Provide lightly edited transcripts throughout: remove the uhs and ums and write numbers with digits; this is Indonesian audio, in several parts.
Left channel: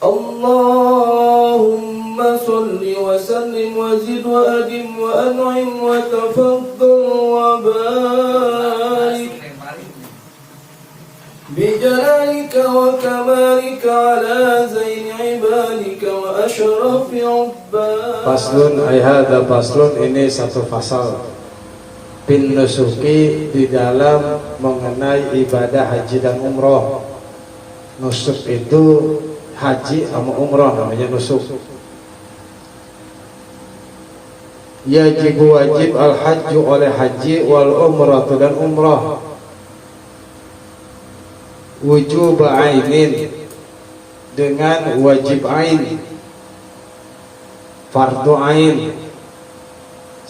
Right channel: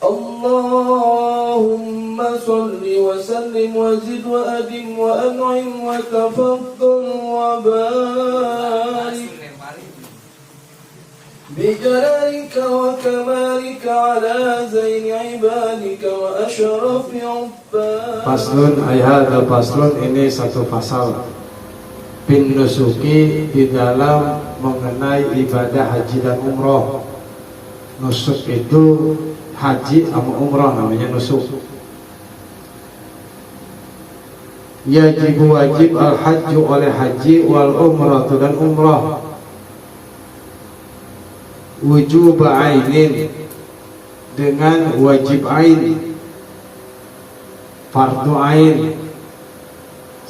Allahumma salli wa sallim wa zid wa adim wa an'im wa tafaddal wa barik bijalalika wa kamalika ala zaini ibadika wa ashrafi ubbadik. Faslun ayhada faslun, ini satu fasal bin nusuki, di dalam mengenai ibadah haji dan umroh. Nusuk itu haji sama umroh, namanya nusuk. Wajib al-hajju oleh haji wal umrah dan umroh. Wujub ainin, dengan wajib ain, fardu ain.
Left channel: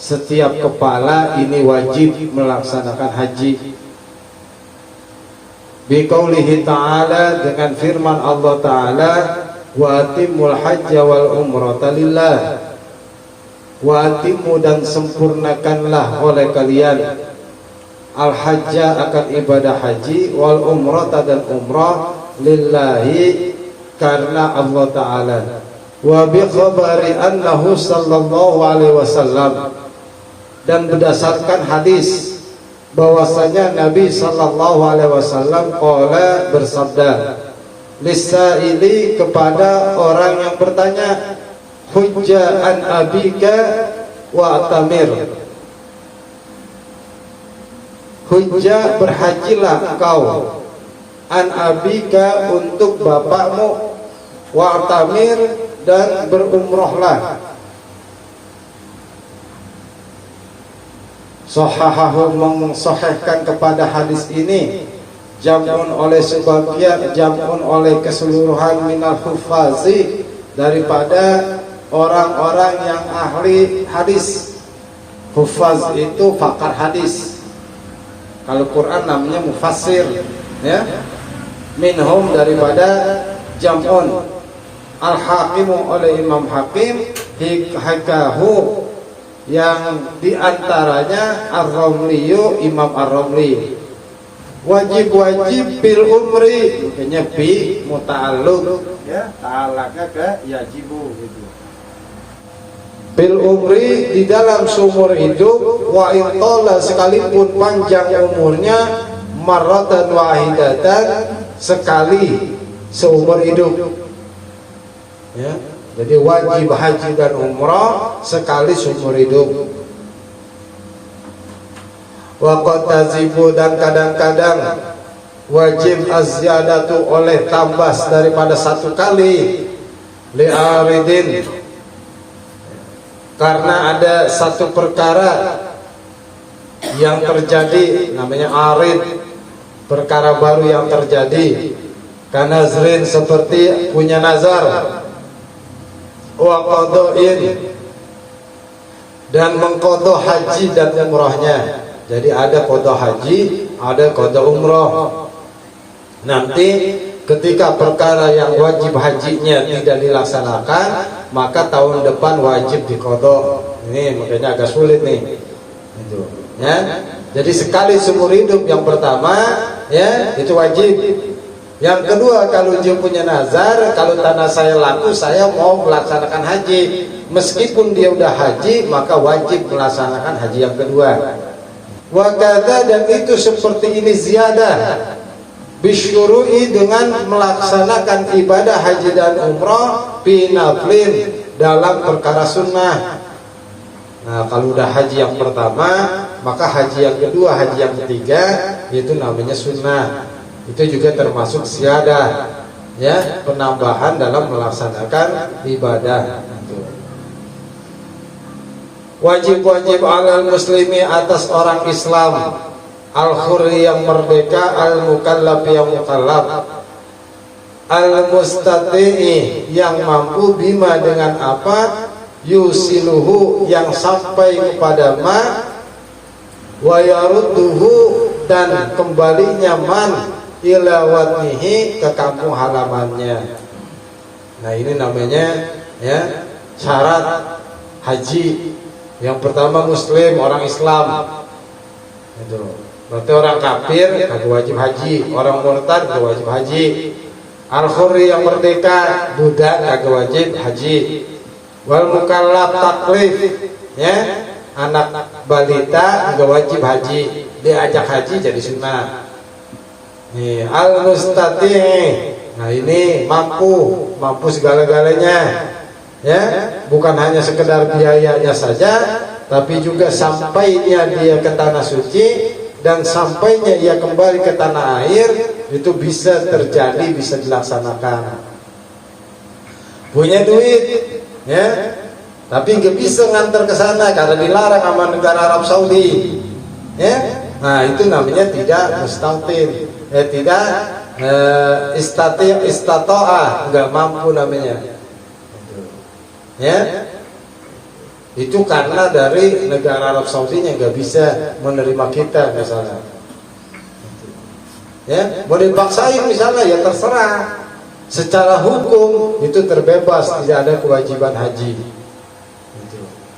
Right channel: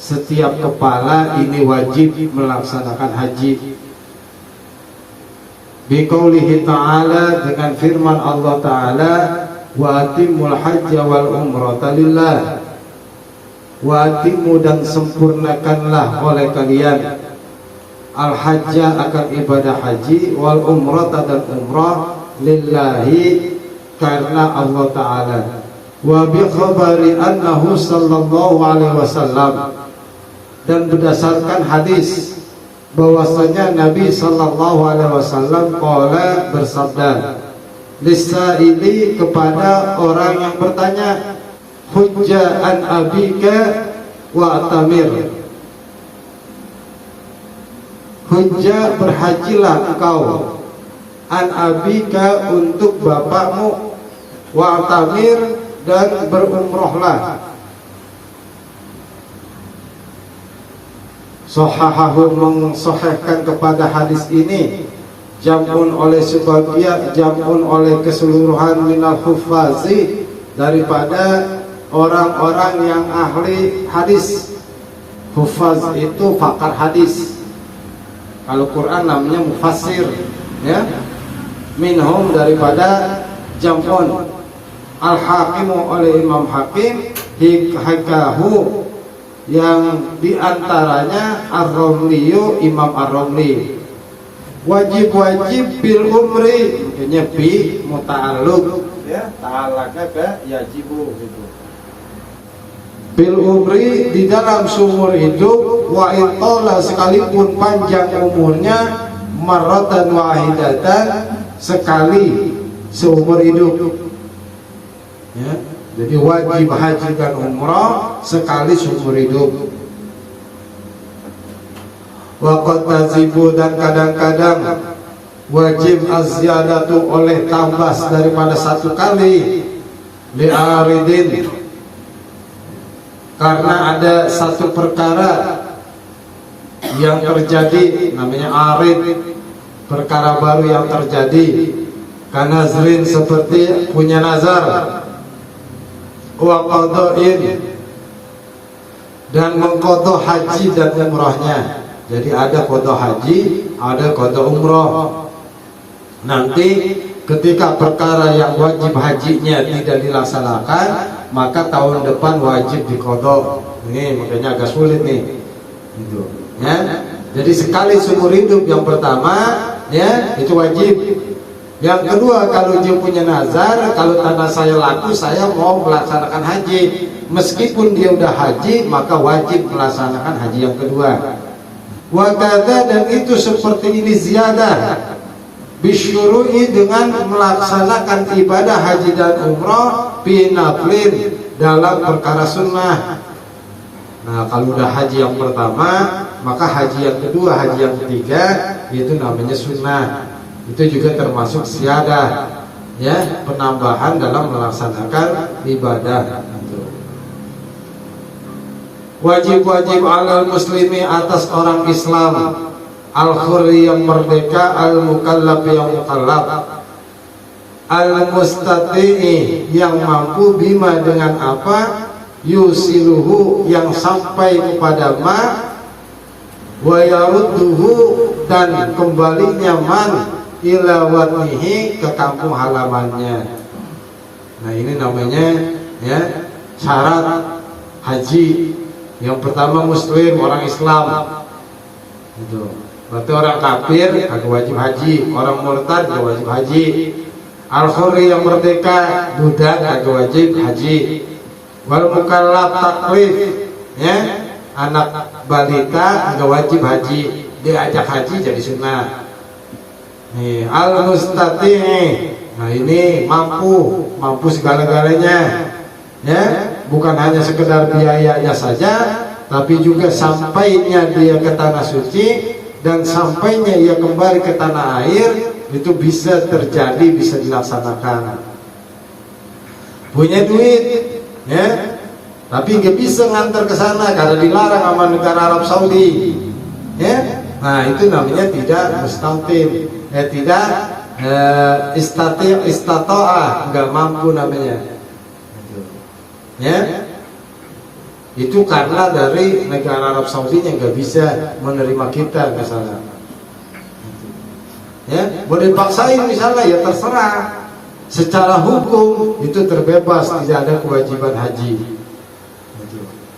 Setiap kepala ini wajib melaksanakan haji. Biqaulihi ta'ala, dengan firman Allah Ta'ala, wa atimul hajja wal umrata lillah. Wa atimu, dan sempurnakanlah oleh kalian, al hajja, akan ibadah haji, wal umrata, dan umrah, lillahi, karena Allah Ta'ala. Wa bi khabari annahu sallallahu alaihi wasallam, dan berdasarkan hadis bahwasanya Nabi sallallahu alaihi wasallam qala, bersabda, lisaili, kepada orang yang bertanya, hujja an abika wa atamir. Hujja, berhajilah engkau, an abika, untuk bapakmu, wa atamir, dan berumrohlah. Sahahahu, mensahihkan kepada hadis ini, jamun oleh sebagian, jamun oleh keseluruhan minal hufazi, daripada orang-orang yang ahli hadis. Hufaz itu pakar hadis. Kalau Quran namanya mufassir, ya. Minhum, daripada jamun. Al-Hakimu, oleh Imam Hakim, hikahu, yang diantaranya Ar-Romliyu, Imam Ar-Romli. Wajib bil umri, makanya bi muta'alluq, ya, ta'alaka ke yajibu gitu. Bil umri, di dalam seumur hidup, wa intala, sekalipun panjang umurnya, marratan wahidatan, sekali seumur hidup, ya. Jadi wajib haji dan umrah sekali seumur hidup. Wa qad tazibu, dan kadang-kadang wajib az-ziyadatu, oleh tambah daripada satu kali, li'aridin, karena ada satu perkara yang terjadi, namanya arid, perkara baru yang terjadi. Kanazrin, seperti punya nazar, wa qada'in, dan mengqadha haji dan umrahnya. Jadi ada qadha haji, ada qadha umrah. Nanti ketika perkara yang wajib hajinya tidak dilaksanakan, maka tahun depan wajib diqadha. Ini makanya agak sulit nih. Gitu, ya. Jadi sekali seumur hidup yang pertama, ya, itu wajib. Yang kedua, kalau dia punya nazar, kalau tanah saya laku, saya mau melaksanakan haji, meskipun dia udah haji, maka wajib melaksanakan haji yang kedua. Wakada, dan itu seperti ini ziyadah, bisyuru'i, dengan melaksanakan ibadah haji dan umrah, binaflin, dalam perkara sunnah. Nah, kalau udah haji yang pertama, maka haji yang kedua, haji yang ketiga, itu namanya sunnah. Itu juga termasuk ziyadah, ya, penambahan dalam melaksanakan ibadah. Wajib-wajib alal muslimi, atas orang Islam, al-khurri, yang merdeka, al-mukallaf, yang mukallaf, al-mustati'i, yang mampu, bima, dengan apa, yusiluhu, yang sampai kepada ma, wa yarudduhu, dan kembalinya man, ila watnihi, ke kampung halamannya. Nah, ini namanya, ya, syarat haji. Yang pertama muslim, orang Islam. Itu berarti orang kafir kagak wajib haji, orang murtad kagak wajib haji. Al-Khuri yang merdeka, budak kagak wajib haji. Wal mukallaf taklif, ya, anak balita enggak wajib haji, diajak haji jadi sunnah. Nih, al-mustati', nah ini mampu segala-galanya, ya, bukan hanya sekedar biayanya saja, tapi juga sampainya dia ke tanah suci dan sampainya ia kembali ke tanah air itu bisa terjadi, bisa dilaksanakan. Punya duit, ya, tapi nggak bisa ngantar ke sana karena dilarang sama negara Arab Saudi, ya. Nah itu namanya tidak mustautin, tidak istatoah, nggak mampu namanya, ya. Itu karena dari negara Arab Saudi yang nggak bisa menerima kita misalnya, ya. Mau dipaksain misalnya ya terserah. Secara hukum itu terbebas, tidak ada kewajiban haji.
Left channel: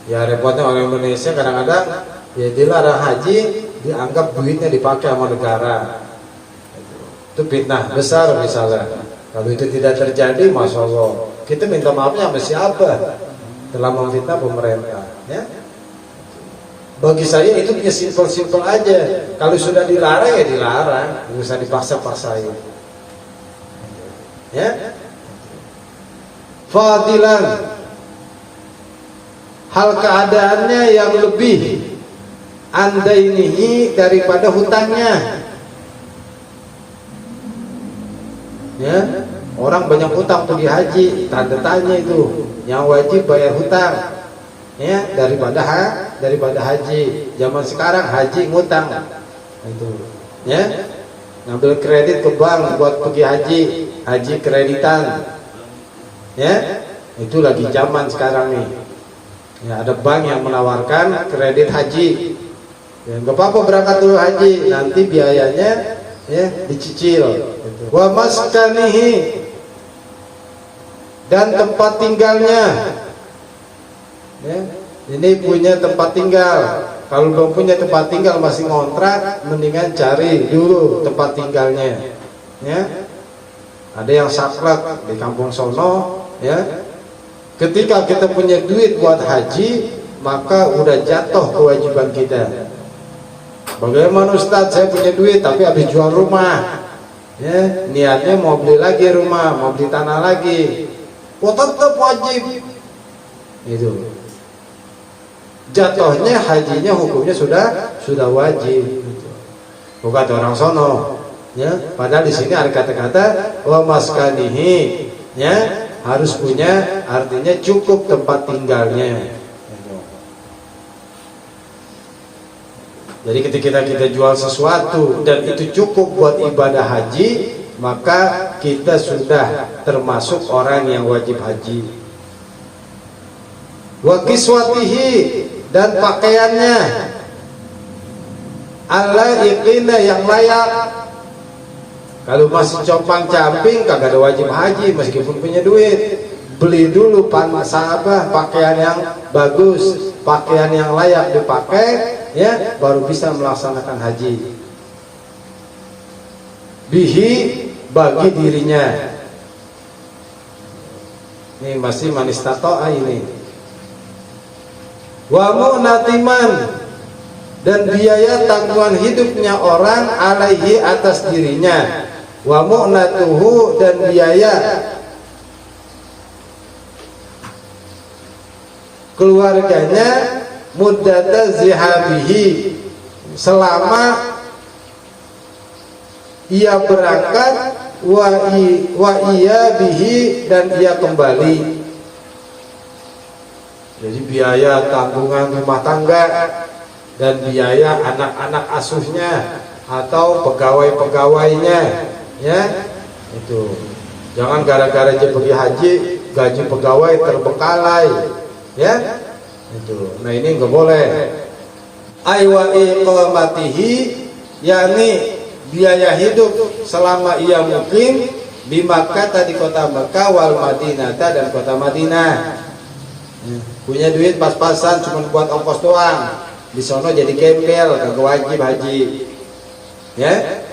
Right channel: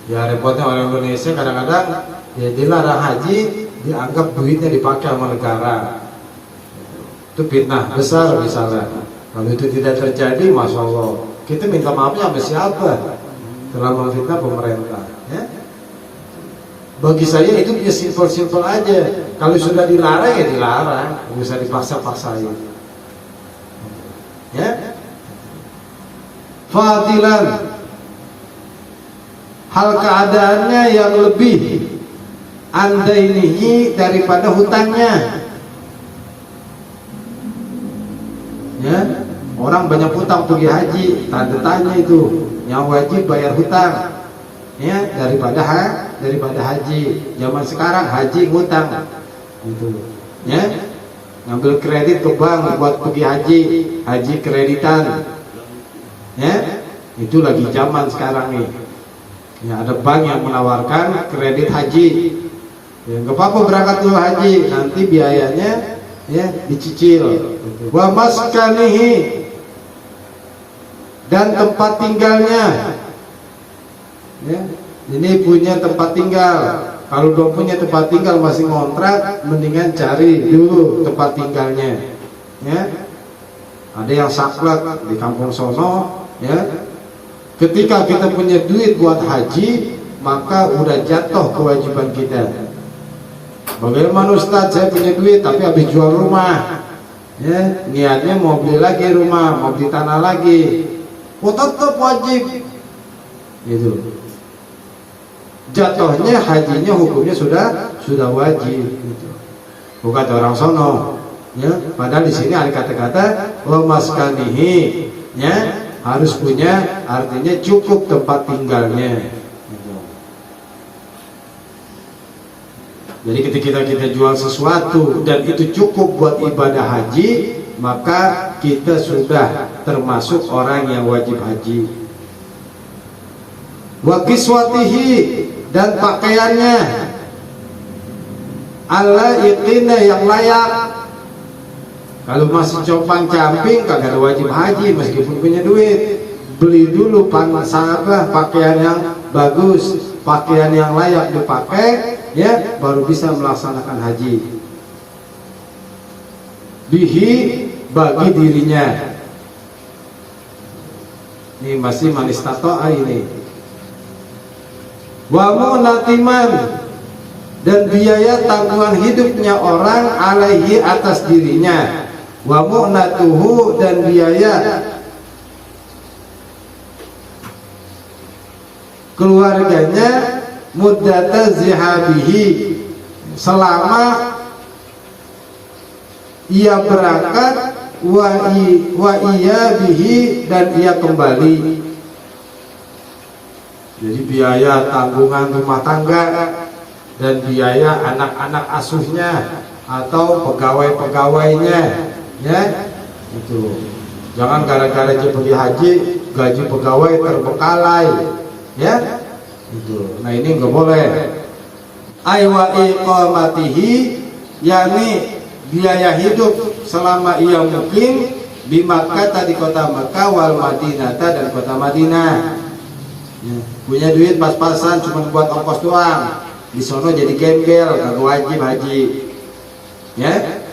Ya repotnya orang Indonesia kadang-kadang ya dilarang haji, dianggap duitnya dipakai sama negara. Itu fitnah besar misalnya. Kalau itu tidak terjadi, masya Allah, kita minta maafnya sama siapa? Telah memfitnah pemerintah. Ya? Bagi saya itu punya simpel-simpel aja. Kalau sudah dilarang ya dilarang, nggak bisa dipaksa-paksain. Ya, fadilan, hal keadaannya yang lebih andainihi daripada hutangnya. Ya, orang banyak hutang pergi haji, tanda tanya itu, yang wajib bayar hutang, ya, daripada haji. Zaman sekarang haji ngutang, itu, ya. Ngambil kredit ke bank buat pergi haji kreditan, ya, itu lagi zaman sekarang nih. Ya, ada bank yang menawarkan kredit haji, ya, nggak apa-apa berangkat dulu haji, nanti biayanya ya dicicil. Wa maskanihi, dan tempat tinggalnya, ya, ini punya tempat tinggal. Kalau belum punya tempat tinggal masih ngontrak, mendingan cari dulu tempat tinggalnya, ya. Ada yang saklek di kampung sono, ya. Ketika kita punya duit buat haji, maka udah jatuh kewajiban kita. Bagaimana Ustaz, saya punya duit tapi habis jual rumah, ya, niatnya mau beli lagi rumah, mau beli tanah lagi, oh tetap wajib. Itu jatuhnya hajinya, hukumnya sudah wajib, gitu. Bukan orang sono, ya. Padahal di sini ada kata-kata wa maskanihi, ya, harus punya, artinya cukup tempat tinggalnya. Gitu. Jadi ketika kita jual sesuatu dan itu cukup buat ibadah haji, maka kita sudah termasuk orang yang wajib haji. Wa kiswatihi, dan pakaiannya, ala iqina, yang layak. Kalau masih compang camping kagak ada wajib haji meskipun punya duit. Beli dulu pakaian yang bagus, pakaian yang layak dipakai, ya, baru bisa melaksanakan haji. Bihi, bagi dirinya. Ini masih manis tatoa ini. Wa mu'natiman, dan biaya tanggungan hidupnya orang alaihi, atas dirinya. Wa mu'natuhu, dan biaya keluarganya muddata zihabihi, selama ia berangkat, wa iya bihi, dan ia kembali. Jadi biaya tanggungan rumah tangga dan biaya anak-anak asuhnya atau pegawai-pegawainya, ya, itu. Jangan gara-gara dia pergi haji gaji pegawai terbengkalai, ya, itu. Nah ini nggak boleh. Aywa iqamatihi, yakni biaya hidup selama ia mukim di Makkah, di kota Makkah, wal Madinah, dan kota Madinah. Punya duit pas-pasan cuma buat ongkos doang, di sono jadi gembel, kagak wajib haji, ya.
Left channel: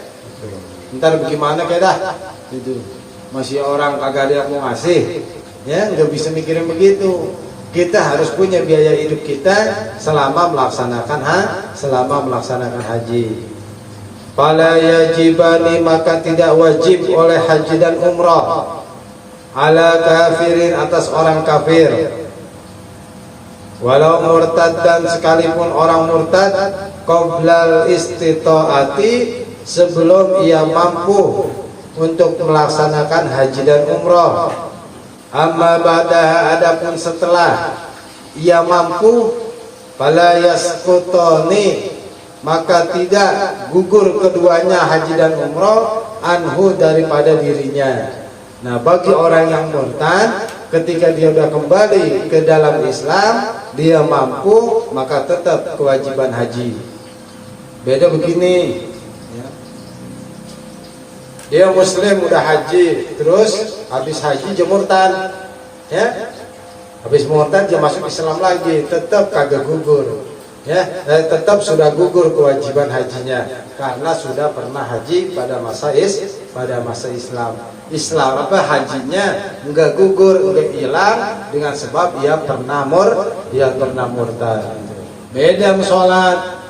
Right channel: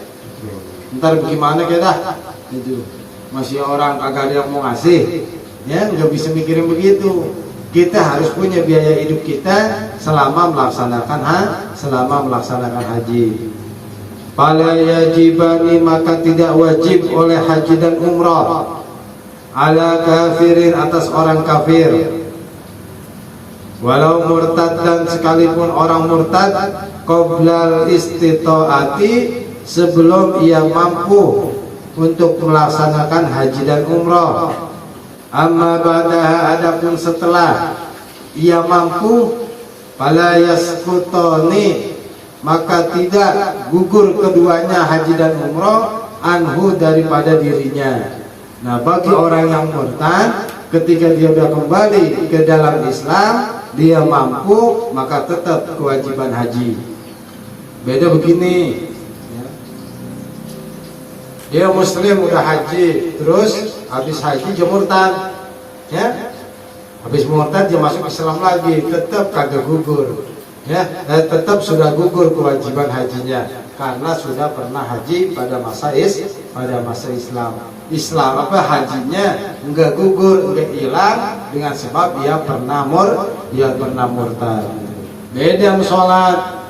Ntar bagaimana kita itu, masih orang kagak ada yang mau ngasih, ya nggak bisa mikirin begitu. Kita harus punya biaya hidup kita selama melaksanakan haji. Fala yajibani, maka tidak wajib oleh haji dan umrah ala kafirin, atas orang kafir, walau murtad, dan sekalipun orang murtad, qoblal istitaati, sebelum ia mampu untuk melaksanakan haji dan umrah. Amma ba'daha, adapun setelah ia mampu, fala yasqutani, maka tidak gugur keduanya haji dan umrah, anhu, daripada dirinya. Nah, bagi orang yang murtad, ketika dia sudah kembali ke dalam Islam, dia mampu, maka tetap kewajiban haji. Beda begini, ya. Dia muslim udah haji, terus habis haji dia murtad, ya. Habis murtad dia masuk Islam lagi, tetap kagak gugur, ya. Tetap sudah gugur kewajiban hajinya karena sudah pernah haji pada masa Islam. Hajinya enggak gugur, enggak hilang dengan sebab ia pernah murtad. Beda sholat,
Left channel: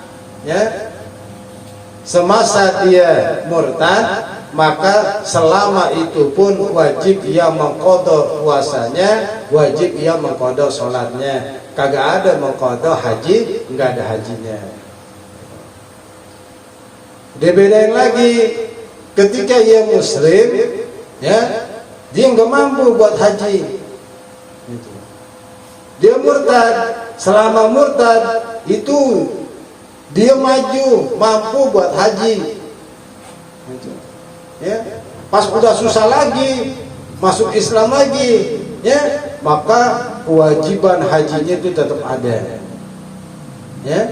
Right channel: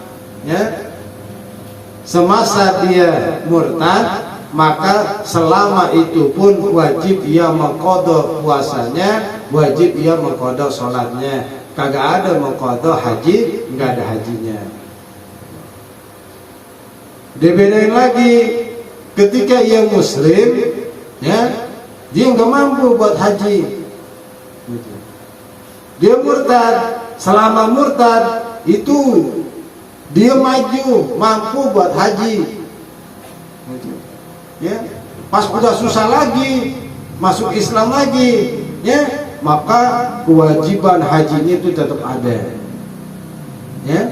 ya. Semasa dia murtad, maka selama itu pun wajib ia mengqadha puasanya, wajib ia mengqadha sholatnya. Kagak ada mengqadha haji, enggak ada hajinya. Dibedain lagi ketika ia muslim, ya, dia nggak mampu buat haji, gitu. Dia murtad. Selama murtad itu dia maju mampu buat haji, gitu. Ya, pas udah susah lagi masuk Islam lagi, ya, maka kewajiban hajinya itu tetap ada, ya.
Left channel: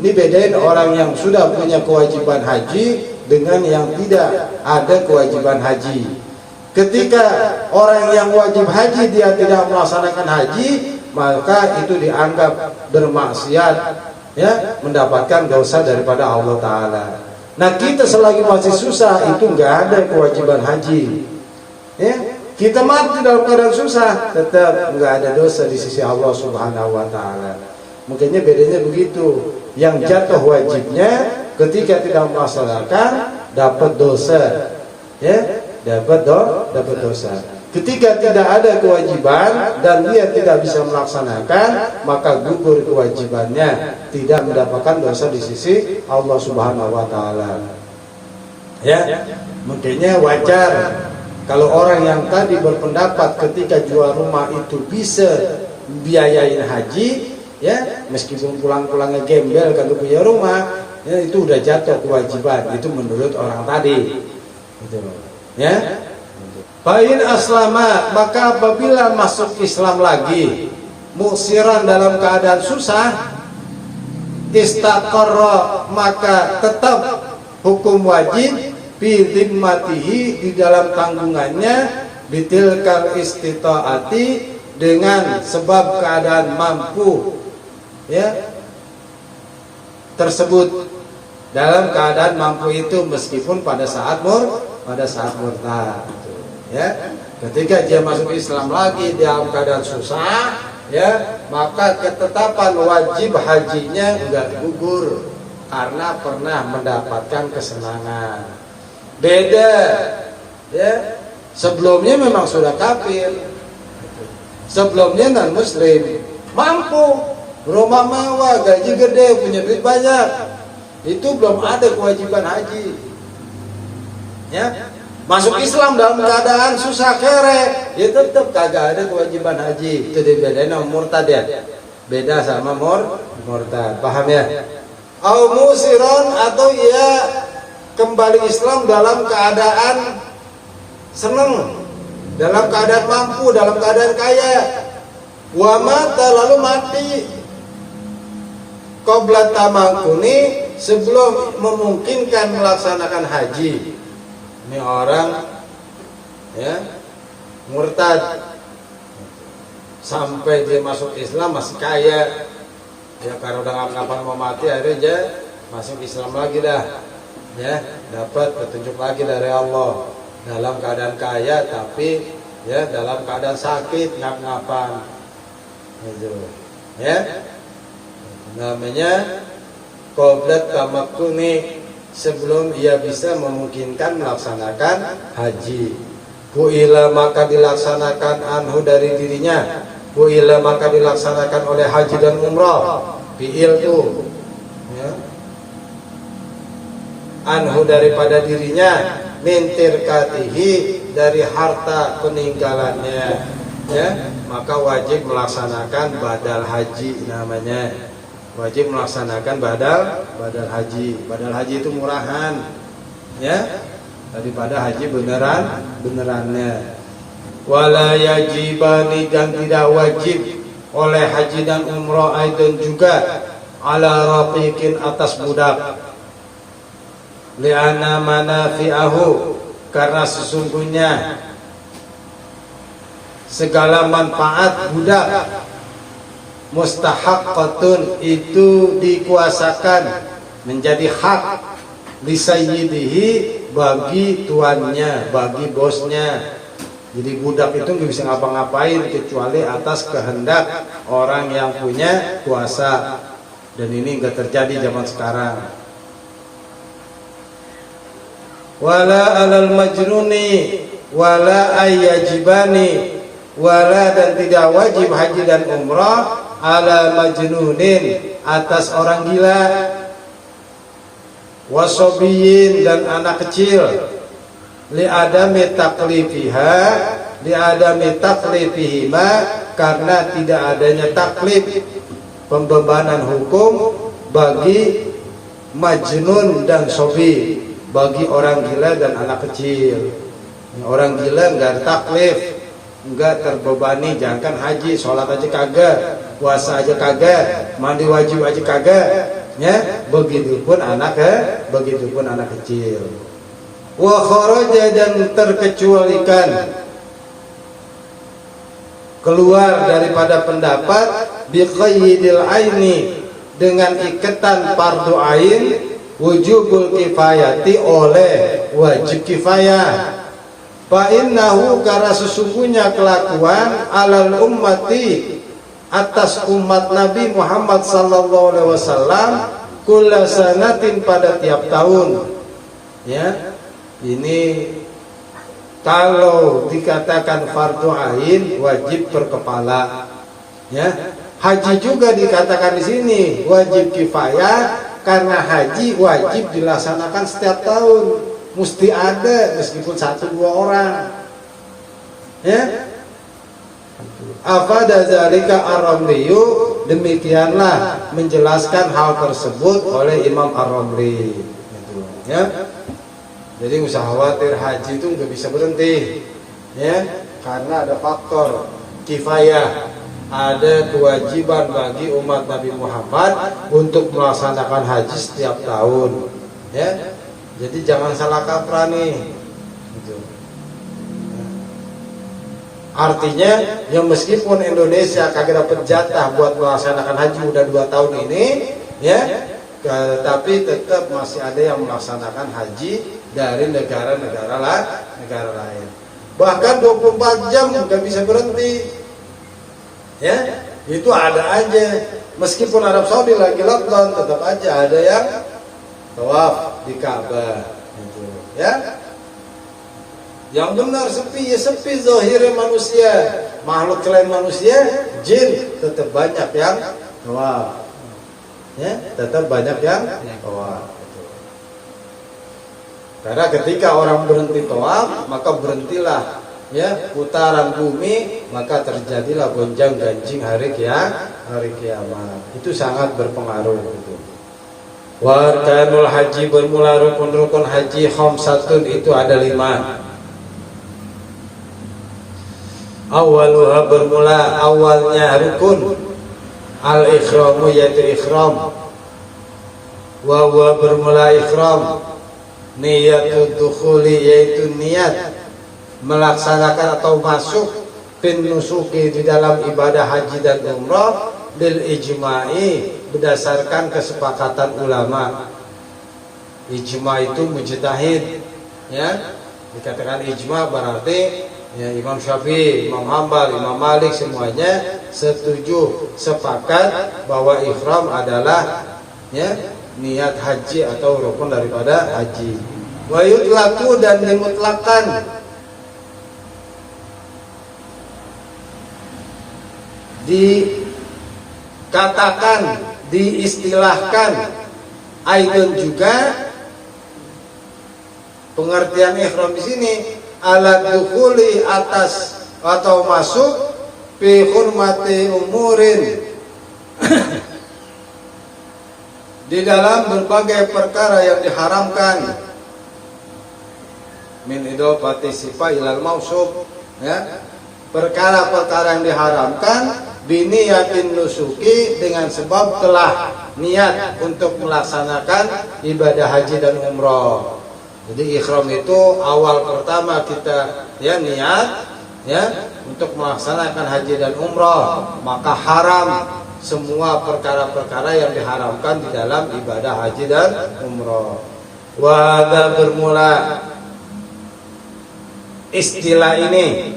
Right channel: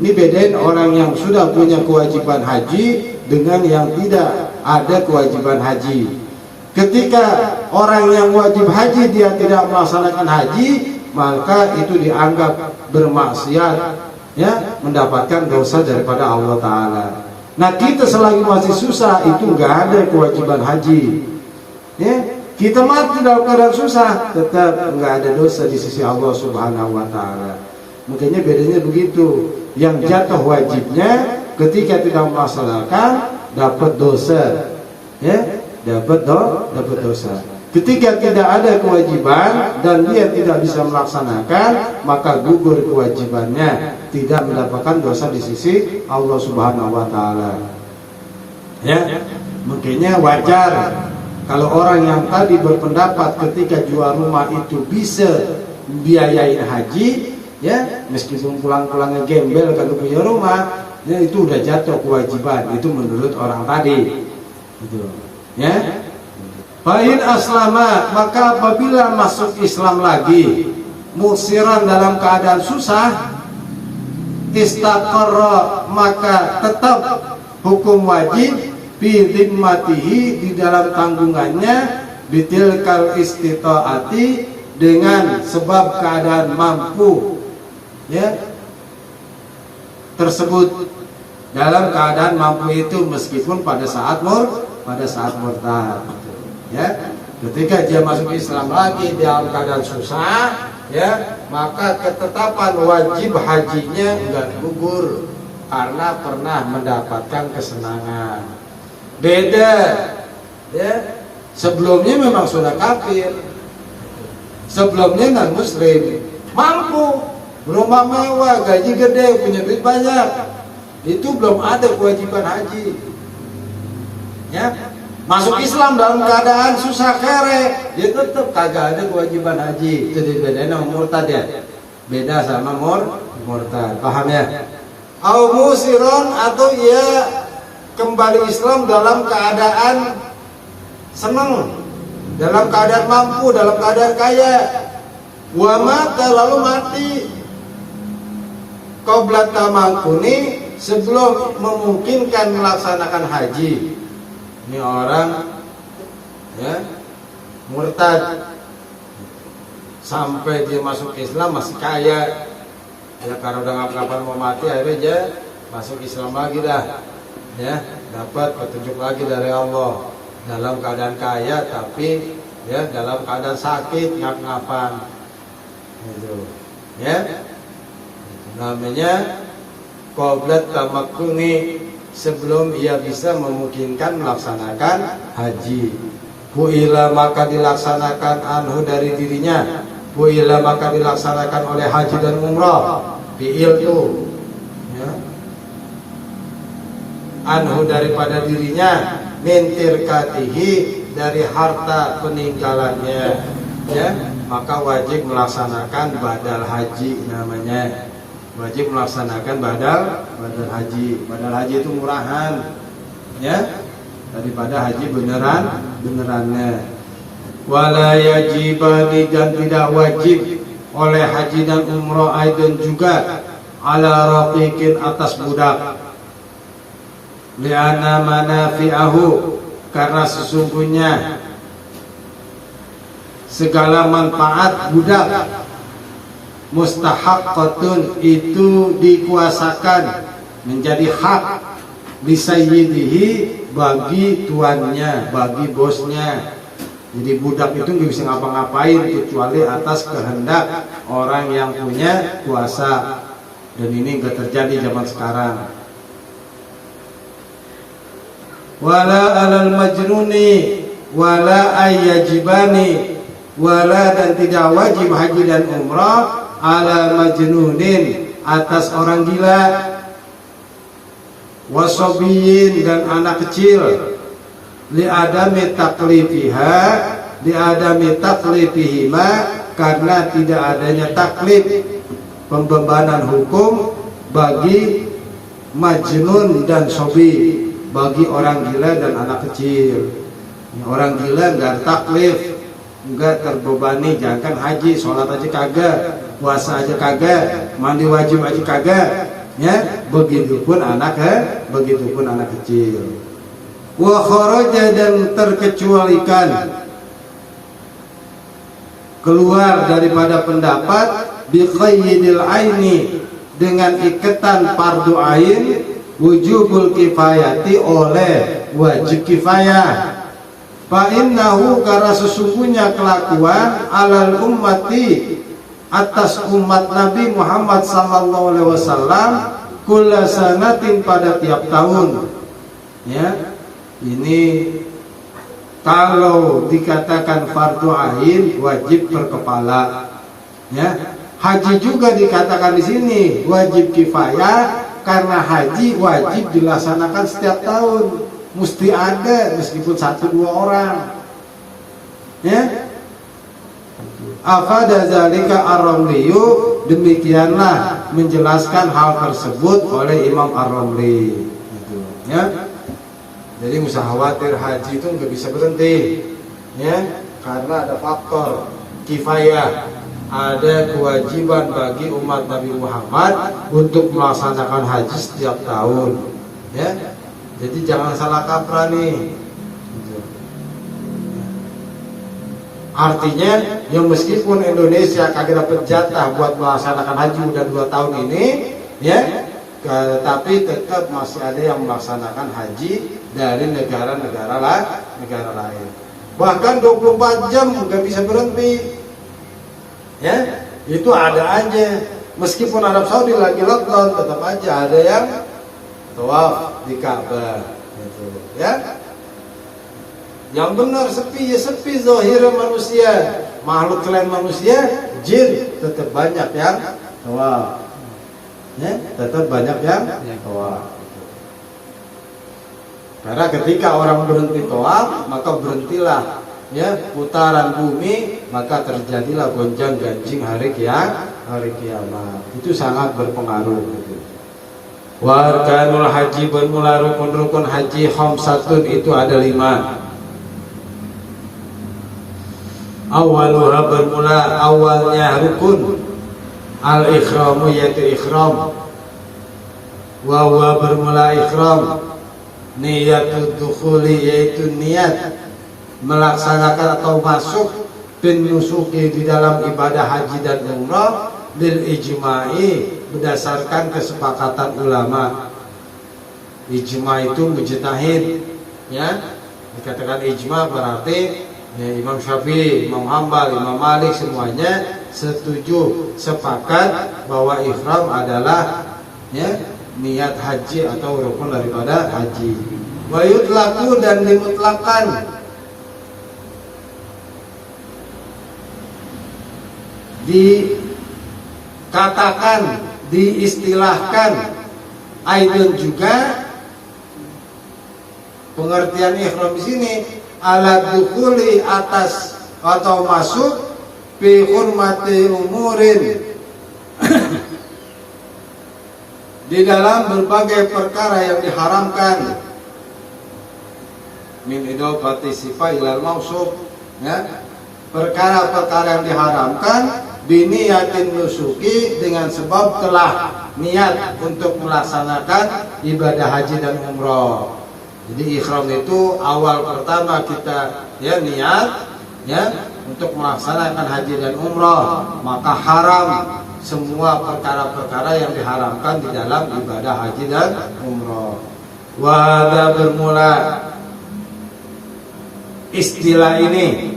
Ini bedain orang yang sudah punya kewajiban haji dengan yang tidak ada kewajiban haji. Ketika orang yang wajib haji dia tidak melaksanakan haji, maka itu dianggap bermaksiat, ya, mendapatkan dosa daripada Allah Ta'ala. Nah, kita selagi masih susah itu nggak ada kewajiban haji, ya, kita mati dalam keadaan susah, tetap nggak ada dosa di sisi Allah Subhanahu Wa Ta'ala. Mungkinnya bedanya begitu. Yang jatuh wajibnya ketika tidak melaksanakan dapat dosa, ya, dapat dosa. Ketika tidak ada kewajiban dan dia tidak bisa melaksanakan, maka gugur kewajibannya, tidak mendapatkan dosa di sisi Allah Subhanahu Wa Ta'ala. Ya, mungkinnya wajar kalau orang yang tadi berpendapat ketika jual rumah itu bisa biayain haji, ya, meskipun pulang-pulangnya gembel kalau punya rumah, ya, itu udah jatuh kewajiban, itu menurut orang tadi, gitu, ya. Fa'in aslama, maka apabila masuk Islam lagi, musiran dalam keadaan susah, istaqarra, maka tetap hukum wajib fi dhimmatihi, di dalam tanggungannya, bitilkal istitaati, dengan sebab keadaan mampu, ya, tersebut, dalam keadaan mampu itu meskipun pada saat murtad, gitu, ya. Ketika dia masuk Islam lagi dalam keadaan susah, ya, maka ketetapan wajib hajinya enggak gugur karena pernah mendapatkan kesenangan. Beda, ya, sebelumnya memang sudah kafir, sebelumnya non muslim, mampu, rumah mewah, gaji gede, punya duit banyak, itu belum ada kewajiban haji, ya. Masuk Islam dalam keadaan susah kere, dia tetap kagak ada kewajiban haji. Itu dibedain sama murtad, ya, beda sama murtad, paham ya? Au musiron, atau ia kembali Islam dalam keadaan senang, dalam keadaan mampu, dalam keadaan kaya, wa mata, lalu mati qabla tamakuni, sebelum memungkinkan melaksanakan haji. Ini orang, ya, murtad sampai dia masuk Islam masih kaya, ya, karena udah kapan mau mati, akhirnya dia masuk Islam lagi dah, ya, dapat petunjuk lagi dari Allah, dalam keadaan kaya tapi ya dalam keadaan sakit ngap-ngapan itu ya namanya qoblat tamakkuni sebelum ia bisa memungkinkan melaksanakan haji. Bu'ila maka dilaksanakan anhu dari dirinya, bu'ila maka dilaksanakan oleh haji dan umrah. Fi'il tuh ya. Anhu daripada dirinya, mintirkatihi dari harta peninggalannya ya, maka wajib melaksanakan badal haji namanya. Wajib melaksanakan badal haji. Badal haji itu murahan ya daripada haji benerannya. Wala yajibani dan tidak wajib oleh haji dan umrah aidon juga ala raqiqin atas budak. Li'anna manafi'ahu karena sesungguhnya segala manfaat budak mustahaqqatun itu dikuasakan menjadi hak lisayyidihi bagi tuannya, bagi bosnya. Jadi budak itu nggak bisa ngapa-ngapain kecuali atas kehendak orang yang punya kuasa, dan ini nggak terjadi zaman sekarang. Wala alal majnuni wala ayyajibani, wala dan tidak wajib haji dan umrah ala majnunin atas orang gila, wasobiyin dan anak kecil, li adami taklifihima karena tidak adanya taklif pembebanan hukum bagi majnun dan sobi, bagi orang gila dan anak kecil. Orang gila nggak taklif, nggak terbebani, jangankan haji, sholat aja kagak, puasa aja kagak, mandi wajib aja kagak, ya begitupun anak kecil. Wa kharaja dan terkecualikan keluar daripada pendapat bi qayyidil aini dengan ikatan fardu ain wujubul kifayati oleh wajib kifayah. Fa innahu karena sesungguhnya kelakuan alal ummati atas umat Nabi Muhammad sallallahu alaihi wasallam kulla sanatin pada tiap tahun. Ya. Ini kalau dikatakan fardu ain wajib berkepala. Ya. Haji juga dikatakan di sini wajib kifayah karena haji wajib dilaksanakan setiap tahun. Mesti ada meskipun 1-2 orang. Ya. Afada zalika ar-Ramliyu, demikianlah menjelaskan hal tersebut oleh Imam Ar-Ramli. Ya. Jadi usah khawatir haji itu nggak bisa berhenti. Ya, karena ada faktor kifayah. Ada kewajiban bagi umat Nabi Muhammad untuk melaksanakan haji setiap tahun. Ya. Jadi jangan salah kaprah nih. Artinya ya meskipun Indonesia kagak dapat jatah buat melaksanakan haji udah 2 tahun ini, ya, tapi tetap masih ada yang melaksanakan haji dari negara-negara lain. Bahkan 24 jam nggak bisa berhenti. Ya, itu ada aja. Meskipun Arab Saudi lagi lockdown, tetap aja ada yang tawaf di Ka'bah gitu, ya. Yang benar sepi ya sepi zahirnya manusia, makhluk selain manusia, jin tetap banyak yang tawaf. Ya, tetap banyak yang tawaf. Karena ketika orang berhenti tawaf, maka berhentilah ya putaran bumi, maka terjadilah gonjang-ganjing hari kiamat. Itu sangat berpengaruh gitu. Wa arkanul haji, bermula rukun-rukun haji khamsatun, itu ada 5. Awaluha, bermula awalnya rukun al-ikhramu, yaitu ikhram. Wa huwa, bermula ikhram, niyatul dukhuli, yaitu niat melaksanakan atau masuk bin nusuki, di dalam ibadah haji dan umrah, lil ijma'i, berdasarkan kesepakatan ulama. Ijma' itu mujtahid, ya, Dikatakan ijma berarti ya Imam Syafi'i, Imam Hambal, Imam Malik semuanya setuju, sepakat bahwa ihram adalah ya niat haji atau rukun daripada haji. Wa yutlaqu dan dimutlakan, dikatakan, diistilahkan. Aidon juga pengertian ihram di sini ala dukhuli atas atau masuk fi hurmati umurin di dalam berbagai perkara yang diharamkan min idol partisipa ilal mausuf ya, perkara-perkara yang diharamkan biniyatin nusuki dengan sebab telah niat untuk melaksanakan ibadah haji dan umroh. Jadi ihram itu awal pertama kita ya niat ya untuk melaksanakan haji dan umroh, maka haram semua perkara-perkara yang diharamkan di dalam ibadah haji dan umroh. Wada bermula istilah ini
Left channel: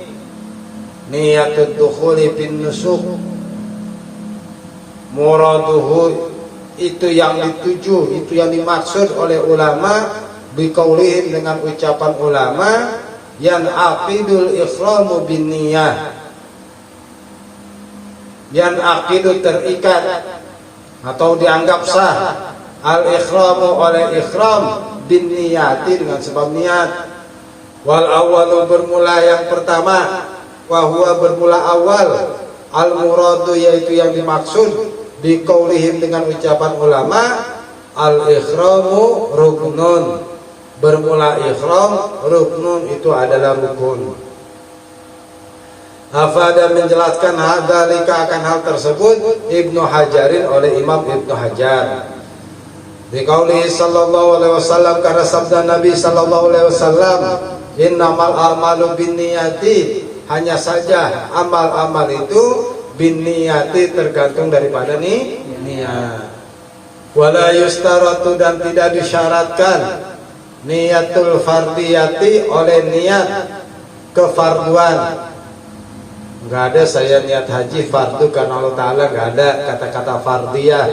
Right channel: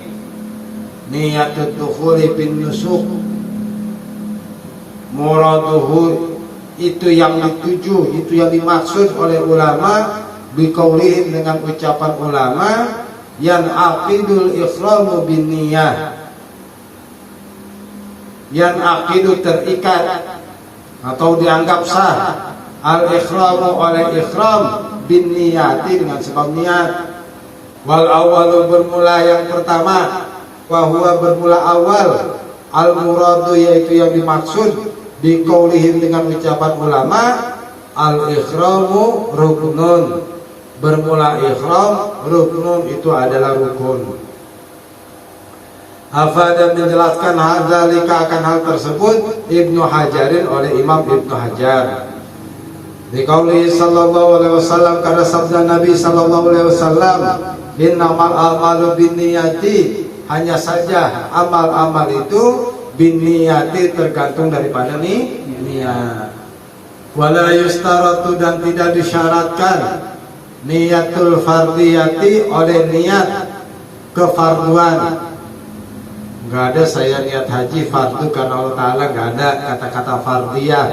niatut dukhuli bin nusuk, muraduhu itu yang dituju, itu yang dimaksud oleh ulama biqaulihim dengan ucapan ulama yan aqidul ihramu bin niyah, yan aqidu terikat atau dianggap sah al ihramu oleh ihram bin niyati dengan sebab niat. Wal awalu bermula yang pertama, wahwa bermula awal, al muradu yaitu yang dimaksud biqaulihim dengan ucapan ulama al ihramu ruknun, bermula ihram ruknun itu adalah rukun. Hafada menjelaskan hadzalika akan hal tersebut Ibnu Hajarin oleh Imam Ibnu Hajar. Dikauli sallallahu alaihi wasallam, karena sabda Nabi sallallahu alaihi wasallam, innamal a'malu binniyati, hanya saja amal-amal itu binniyati tergantung daripada niat. Wala yustaratu dan tidak disyaratkan niatul fardiyati oleh niat kefarduan. Enggak ada saya niat haji fardu karena Allah Ta'ala, enggak ada kata-kata fardiyah.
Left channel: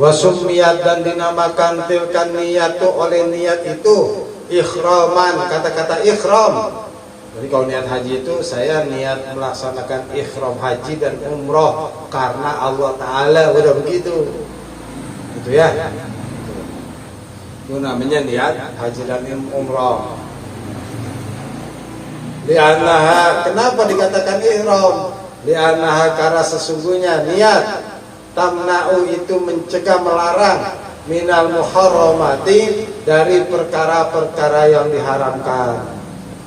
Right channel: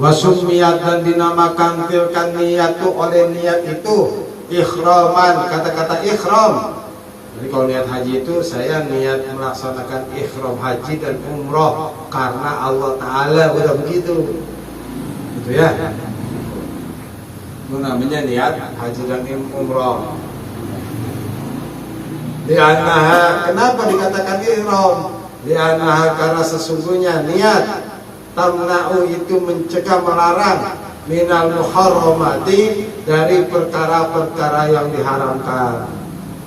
Wasumiyat dan dinamakan tilkan niyatu oleh niat itu ikhraman, kata-kata ikhram. Jadi kalau niat haji itu saya niat melaksanakan ikhram haji dan umroh karena Allah Ta'ala, udah begitu gitu ya. Itu namanya niat haji dan umroh. Dianaha, kenapa dikatakan ihram? Dianaha karena sesungguhnya niat tamna'u itu mencegah, melarang minal muharramati dari perkara-perkara yang diharamkan.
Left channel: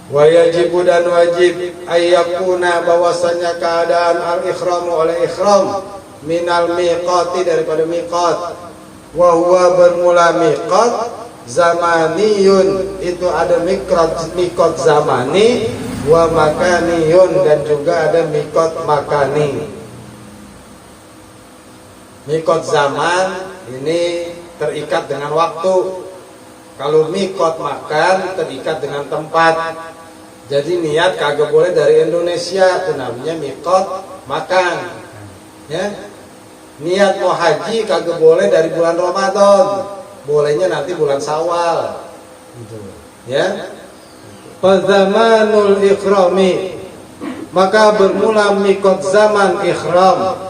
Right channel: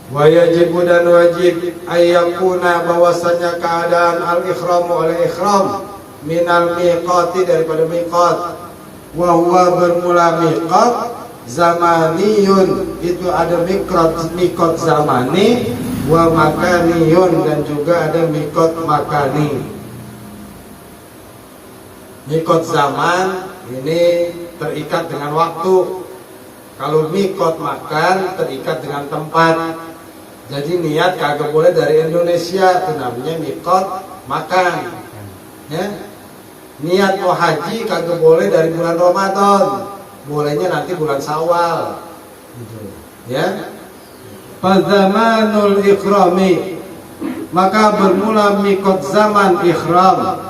Wa yajibu dan wajib ayyakuna bahwasanya keadaan al-ikhramu oleh ikhram minal miqati daripada miqat. Wa huwa bermula miqat zamaniyun, itu ada miqat zamani, wa makaniyun dan juga ada miqat makani. Mikot zaman ini terikat dengan waktu. Kalau mikot makan terikat dengan tempat. Jadi niat kagak boleh dari Indonesia, itu namanya mikot makan. Ya. Niat mau haji kagak boleh dari bulan Ramadan, bolehnya nanti bulan Syawal. Gitu. Ya. Fazamanul ikhrami, maka bermula mikot zaman ikhram,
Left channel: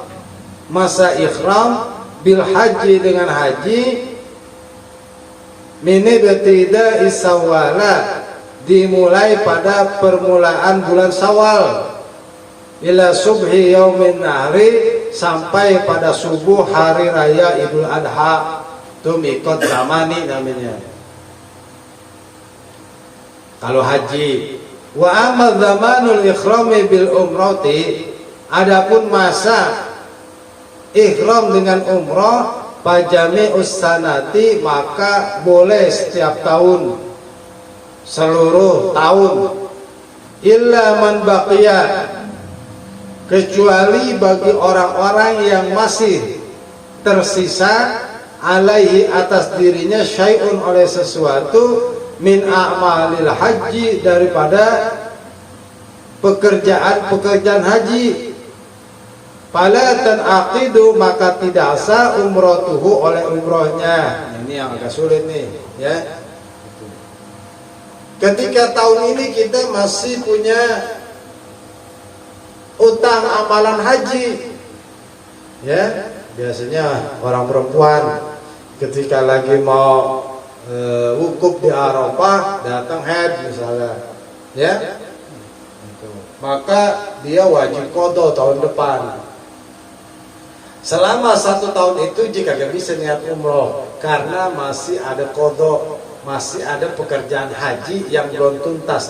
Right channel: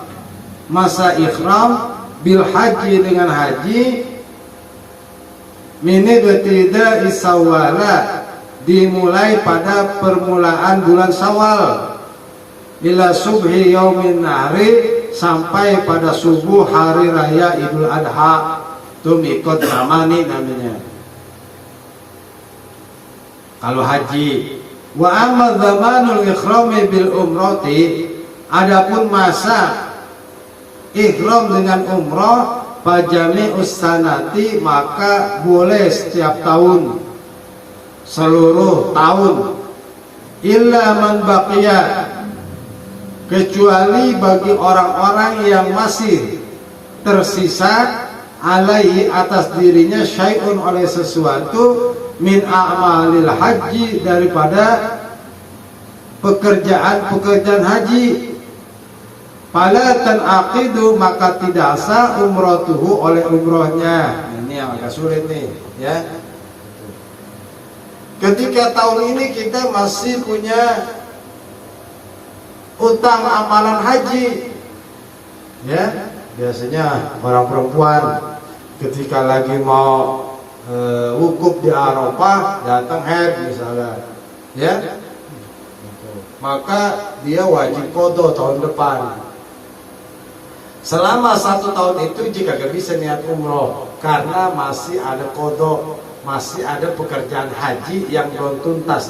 masa ikhram bil haji dengan haji mini betida isawala, dimulai pada permulaan bulan Syawal ila subhi yaumin nahri, sampai pada subuh hari raya Idul Adha. Itu mikot zamani namanya kalau haji. Wa amma zamanul ikhrami bil umrati, adapun masa ihram dengan umrah pajami ussanati, maka boleh setiap tahun, seluruh tahun. Illa man baqiya, kecuali bagi orang-orang yang masih tersisa alaihi atas dirinya syai'un oleh sesuatu min a'malil haji daripada pekerjaan haji, fala tanaqidu maka tidak sah umratuhu oleh umrohnya. Ini yang agak sulit nih ya. Ketika tahun ini kita masih punya utang amalan haji ya, biasanya orang perempuan ketika lagi mau wukuf di Arafah datang haid misalnya ya, maka dia wajib qada tahun depan. Selama 1 tahun itu jika gak bisa niat umroh karena masih ada qada, masih ada pekerjaan haji yang belum tuntas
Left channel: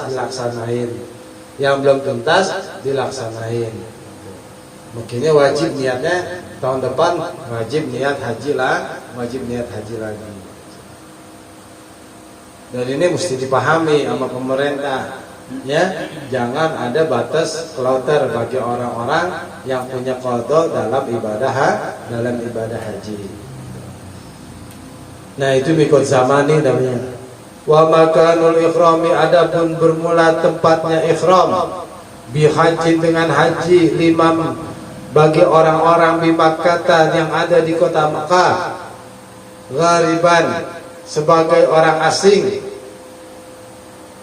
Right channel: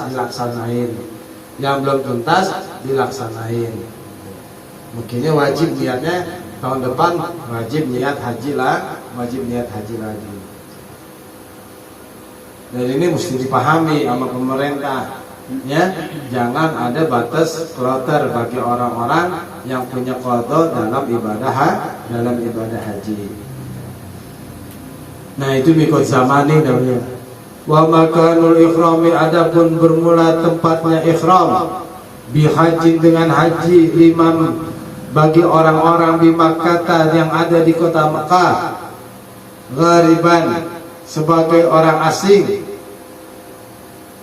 dilaksanain, mungkinnya wajib niatnya tahun depan, wajib niat haji lagi. Dan ini mesti dipahami sama pemerintah ya, jangan ada batas kloter bagi orang-orang yang punya qada dalam ibadah haji. Nah itu mikot zamani namanya. Wa makanul ikhrami, adapun bermula tempatnya ikhram bihaji dengan haji, liman bagi orang-orang di Makkah yang ada di kota Makkah, ghariban sebagai orang asing,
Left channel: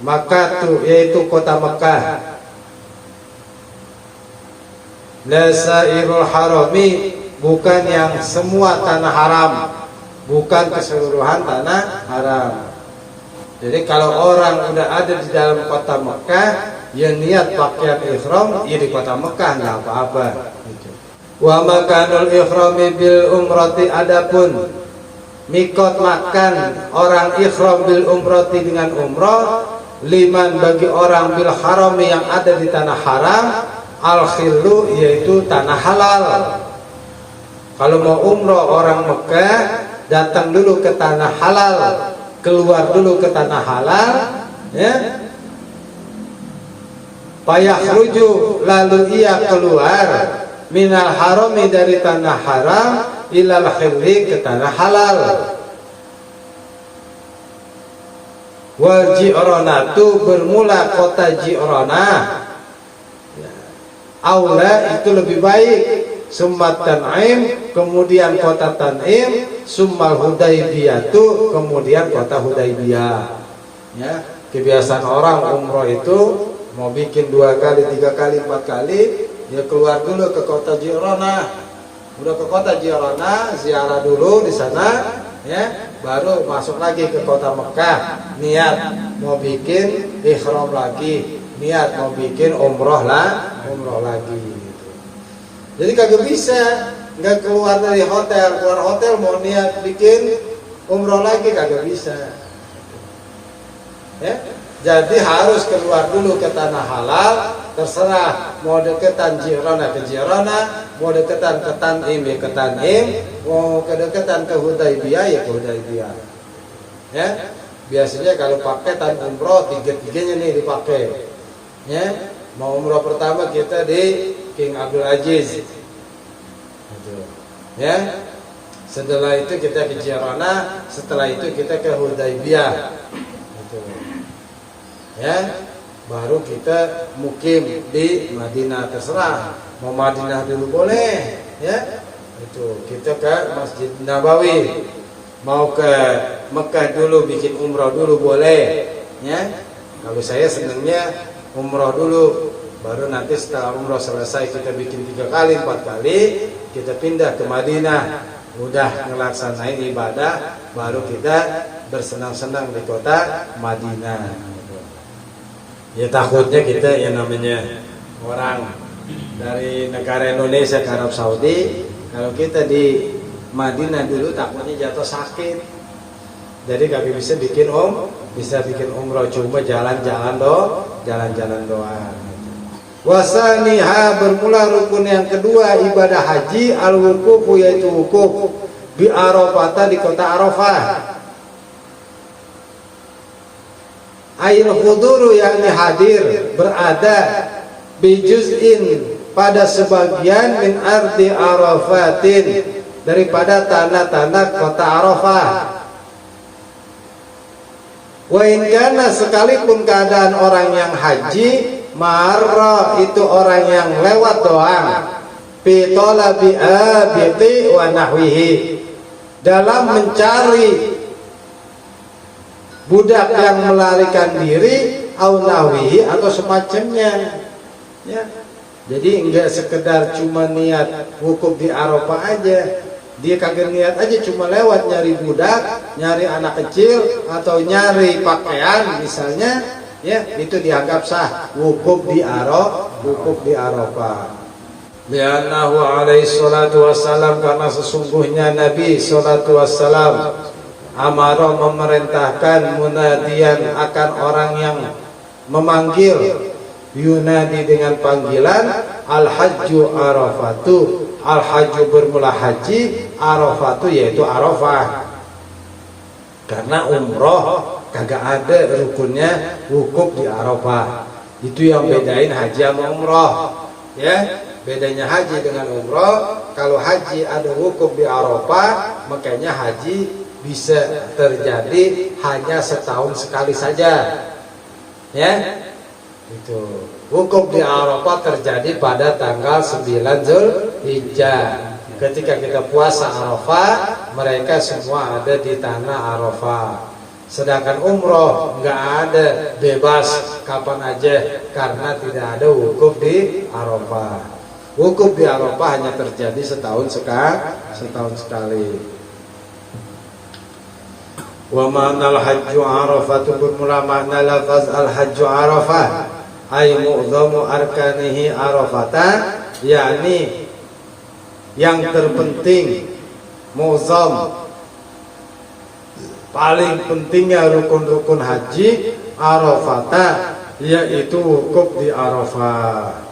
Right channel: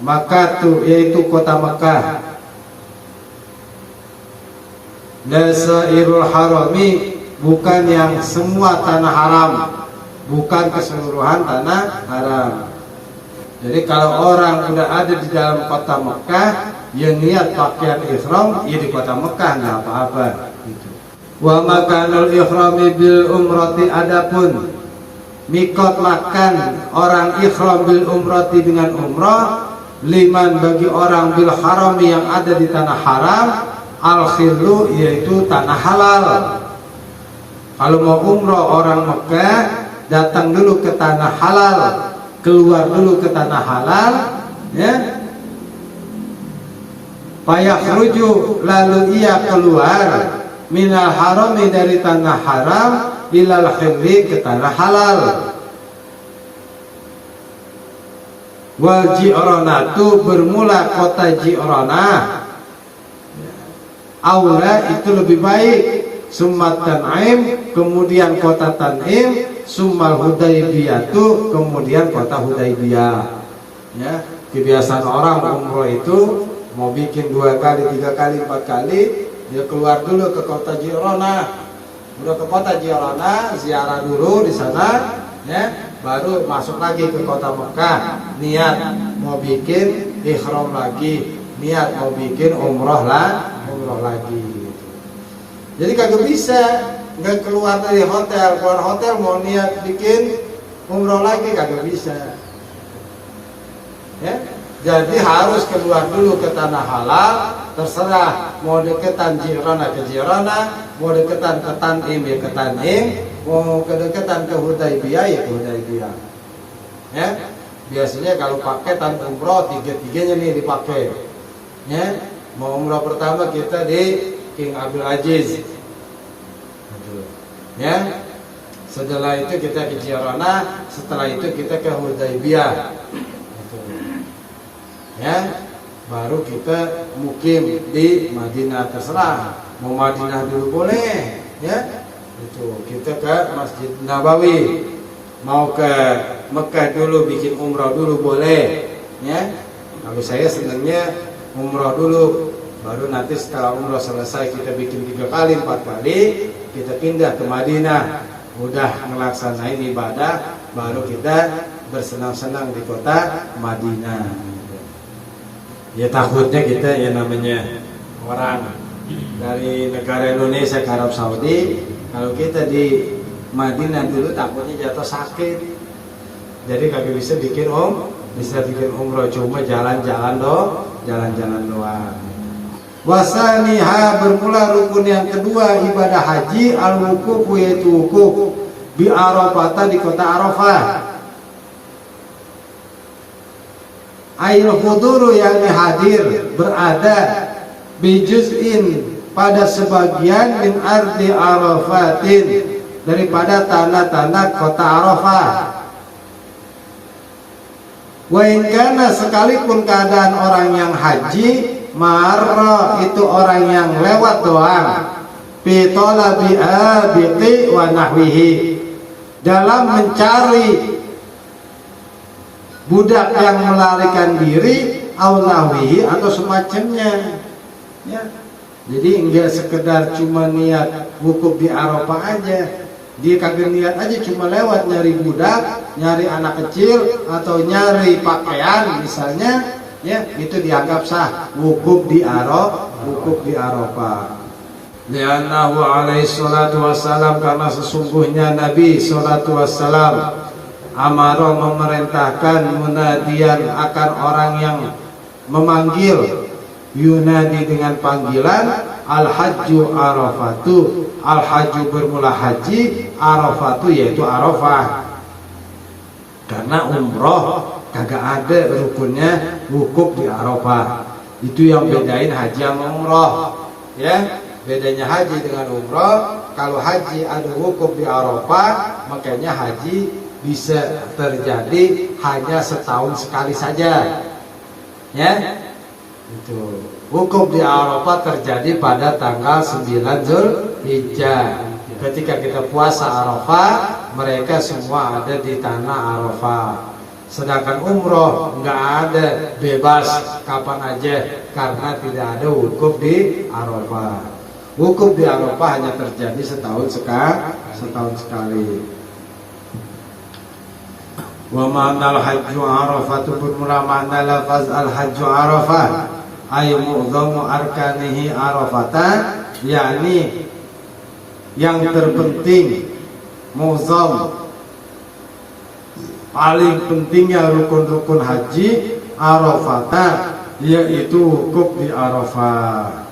Makkah yaitu kota Makkah, lasairul harami bukan yang semua tanah haram, bukan keseluruhan tanah haram. Jadi kalau orang udah ada di dalam kota Mekah, ya niat pakaian ihram, ya di kota Mekah nggak apa-apa. Gitu. Wa makanul ihrami bil umrati, adapun mikot makan orang ihram bil umrati dengan umrah, liman bagi orang bil harami yang ada di tanah haram, al khillu yaitu tanah halal. Kalau mau umrah orang Mekah datang dulu ke tanah halal, keluar dulu ke tanah halal ya, fayakhruju lalu ia keluar minal harami dari tanah haram ilal hilli ke tanah halal. Wal ji'ranatu bermula kota Ji'ranah aula itu lebih baik, summat Tan'im kemudian kota Tan'im, summal Hudaybiyatu kemudian kota Hudaybiyah ya. Kebiasaan orang umroh itu mau bikin 2 kali, 3 kali, 4 kali, dia keluar dulu ke kota Ji'ranah. Udah ke kota Ji'ranah, ziarah dulu di sana ya, baru masuk lagi ke kota Mekah, niat mau bikin ihram lagi, niat mau bikin umroh lagi. Jadi kagak bisa nggak keluar dari hotel, keluar hotel mau niat bikin umroh lagi kagak bisa ya. Jadi harus keluar dulu ke tanah halal, terserah mau deketan Ji'ranah ke Ji'ranah, mau deketan ke Tan'im ya ke Tan'im, mau kedekatan ke Hudaybiyah ya ke Hudaybiyah ya. Biasanya kalau paketan umroh 3-3-nya nih dipakai ya. Mau umroh pertama kita di King Abdul Aziz ya, setelah itu kita ke Ji'ranah, setelah itu kita ke Hudaybiyah ya, baru kita mukim di Madinah. Terserah mau Madinah dulu boleh ya, itu kita ke Masjid Nabawi, mau ke Mekah dulu bikin umrah dulu boleh ya. Kalau saya senangnya umrah dulu, baru nanti setelah umrah selesai kita bikin 3 kali, 4 kali, kita pindah ke Madinah, udah ngelaksanain ibadah, baru kita bersenang-senang di kota Madinah. Ya takutnya kita yang namanya orang dari negara Indonesia ke Arab Saudi, kalau kita di Madinah dulu takutnya jatuh sakit, jadi kagak bisa bikin umrah, cuma jalan-jalan doang. Wasaniha bermula rukun yang kedua ibadah haji al-wuqufu yaitu wukuf bi Arafah di kota Arafah. Ail huduru yang hadir berada bi juz'in pada sebagian min ardi Arafatin daripada tanda-tanda kota Arafah. Wa in kana, sekalipun keadaan orang yang haji, marra itu orang yang lewat doang, fi talabi abiqi wa nahwihi, dalam mencari budak yang melarikan diri, au nahwihi, atau semacamnya, ya. Jadi enggak sekedar cuma niat wukuf di Arafah aja, dia kagak niat aja cuma lewat nyari budak, nyari anak kecil, atau nyari pakaian misalnya, ya, itu dianggap sah wukuf di Arafah. Li'annahu alaihi salatu wassalam, karena sesungguhnya Nabi salatu wassalam amara, memerintahkan, munadian, akan orang yang memanggil, yunadi dengan panggilan, al-hajju arafatu, al-hajju bermula haji, arafatu yaitu Arafah. Karena umroh kagak ada rukunnya wukuf di Arafah. Itu yang bedain haji sama umroh, ya. Bedanya haji dengan umroh, kalau haji ada wukuf di Arafah, makanya haji bisa terjadi hanya setahun sekali saja, ya. Itu wukuf di Arafah terjadi pada tanggal 9 Zulhijjah. Ketika kita puasa Arafah, mereka semua ada di tanah Arafah. Sedangkan umroh nggak ada, bebas kapan aja, karena tidak ada wukuf di Arafah. Wukuf di Arafah hanya terjadi setahun sekali. Wa ma'nal hajju Arafatu, bermula makna lafaz al-hajju Arafah, ay mu'dhamu arkanihi Arafata, yakni yang terpenting, mu'dham, paling pentingnya rukun-rukun haji Arafata, yaitu wukuf di Arafah.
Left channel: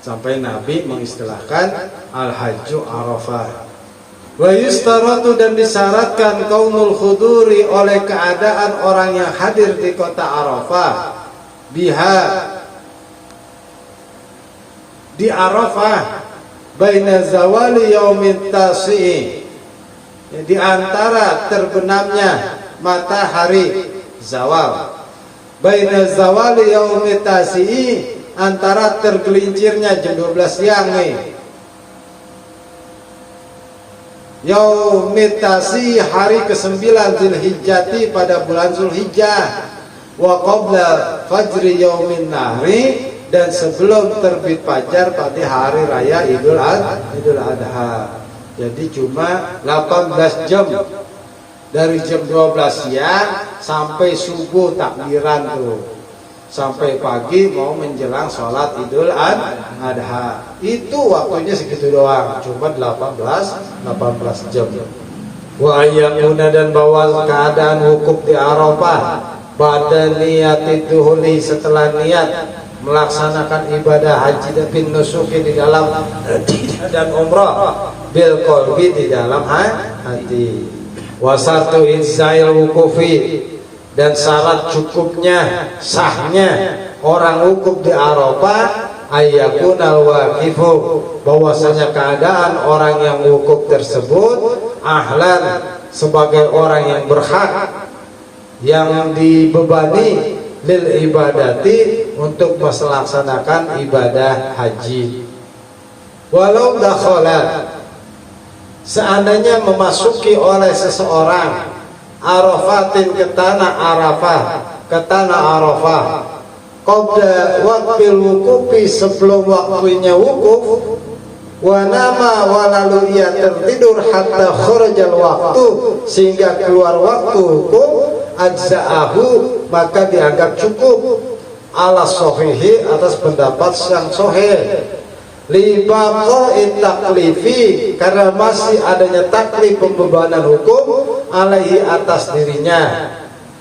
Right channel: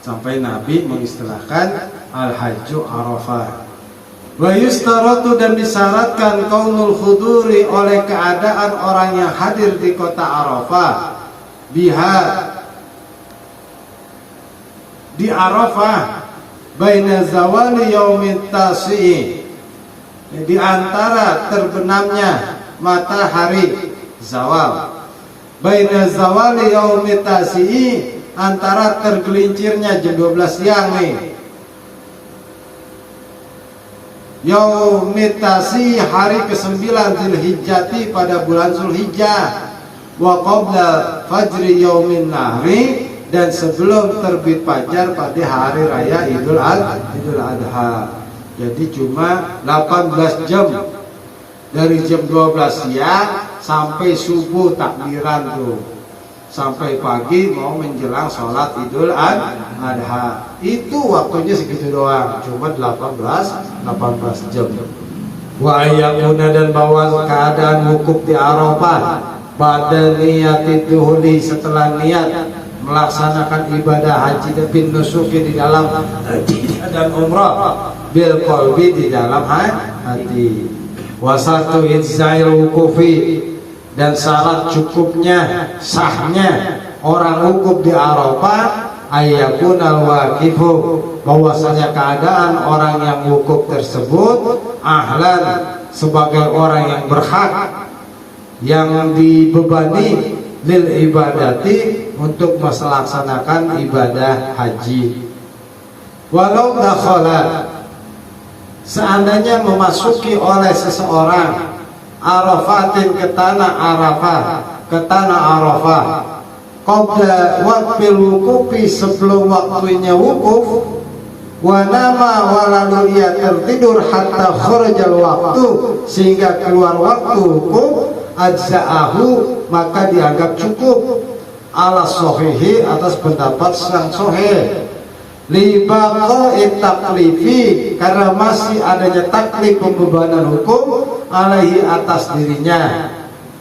Sampai Nabi mengistilahkan al-hajju Arafah. Wa yustaratu, dan disyaratkan kaunul khuduri, oleh keadaan orang yang hadir di kota Arafah, biha, di Arafah, baina zawali yaumit tasi'i, di antara terbenamnya matahari zawal, baina zawali yaumit tasi'i, antara tergelincirnya jam 12 siang nih, Yaumitasi, hari ke-9 Zulhijjati, pada bulan Zulhijjah, wa qabla fajri yaumin nahri, dan sebelum terbit fajar pada hari raya Idul Adha. Jadi cuma 18 jam, dari jam 12 siang sampai subuh takbiran tuh, sampai pagi mau menjelang sholat Idul Adha. Itu waktunya segitu doang, cuma 18 jam. Wa ayyamuna, dan bahwa keadaan wukuf di Arafah, pada niat duhuli, setelah niat melaksanakan ibadah haji bin nusuki di dalam hati dan umrah, bil qalbi, di dalam hati. Wasatu izzail wukufi, dan syarat cukupnya, sahnya orang wukuf di Arafah, ayyakunal waqifu, bahwasanya keadaan orang yang wukuf tersebut ahlan, sebagai orang yang berhak, yang dibebani, lil ibadati, untuk melaksanakan ibadah haji. Walau dakhala, seandainya memasuki oleh seseorang Arafatin, ke tanah Arafah, qabla waqtil wukufi, sebelum waktunya wukuf, wa nama, walalu ia tertidur, hatta kharajal waktu, sehingga keluar waktu wukuf, ajza'ahu, maka dianggap cukup, ala sohihi, atas pendapat sang sohih, li baqa'i taklifi, karena masih adanya taklif, pembebanan hukum, alaihi, atas dirinya,